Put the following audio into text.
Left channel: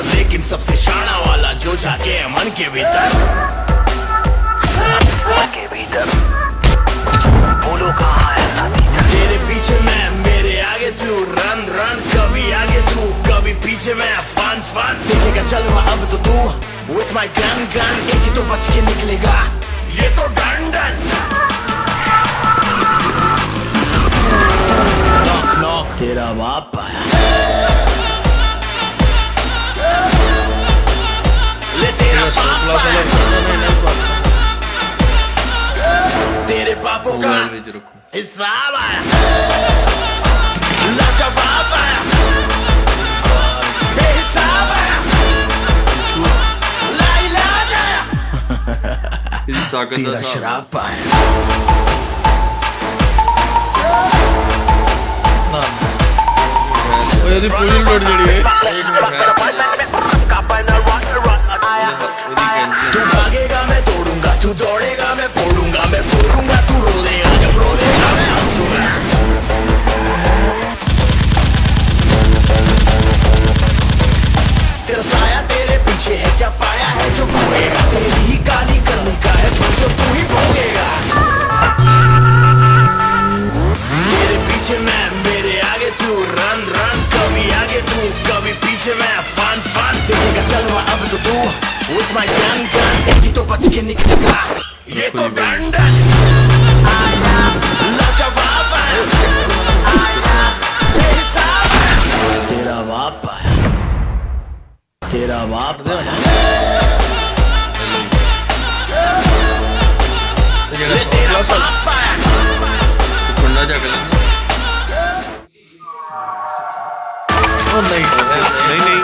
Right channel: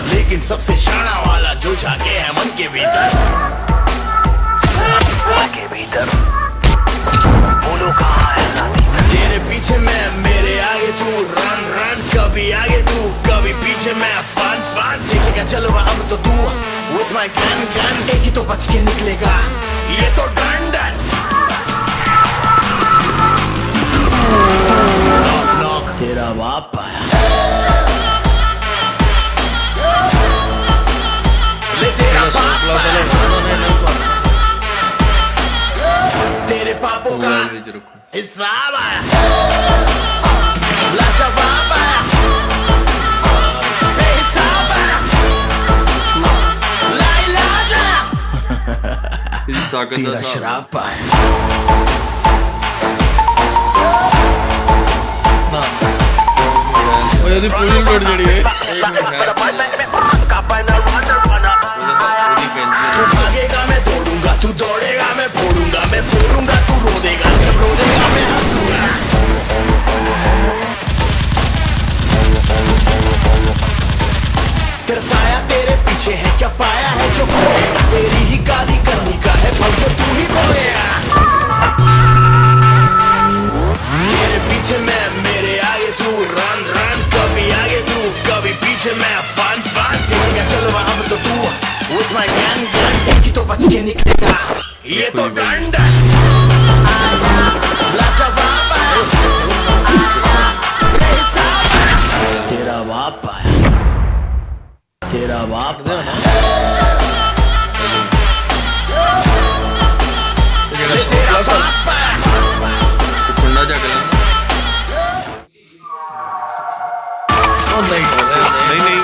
भीतर, लेकिन सबसे शाना वाला जो जाके है मन के भीतर। मन के भीतर बोलो कहाँ है साथी? तेरे पीछे मैं, मेरे आगे तू, रन रन, कभी आगे तू, कभी पीछे मैं, फन फन। देखेगा चलो अब तो तू, with my gun gun, एक ही तो बच के निकलेगा, ये तो डन डन। तेरा बाप आया, तेरे पापों का हिसाब आया, लाजवाब आया, हिसाब आया, लाइलाज आया, तेरा शराब आया। ना ओ यार पूरी लोड जड़ी है। तू भागेगा मैं तोड़ूंगा, तू दौड़ेगा मैं फोड़ूंगा, मैं फोड़ूंगा तू रोदेगा, मैं रोदेगा मैं हंसूंगा। तेरा साया तेरे पीछे है, क्या पाया है जो भागेगा? तेरी ही गाली करनी का है तो तू ही भागेगा। तेरे पीछे मैं, मेरे आगे तू, रन रन, कभी आगे तू, कभी पीछे मैं, फन फन। देखेगा चलो अब तो तू, with my gun gun, एक ही तो बच के निकलेगा, ये तो डन डन। आया लाजवाब आया, तेरा बाप आया, तेरा बाप आया। जेड़ा 100 साल कुंडा जा गया ना। ओ नहीं नहीं नहीं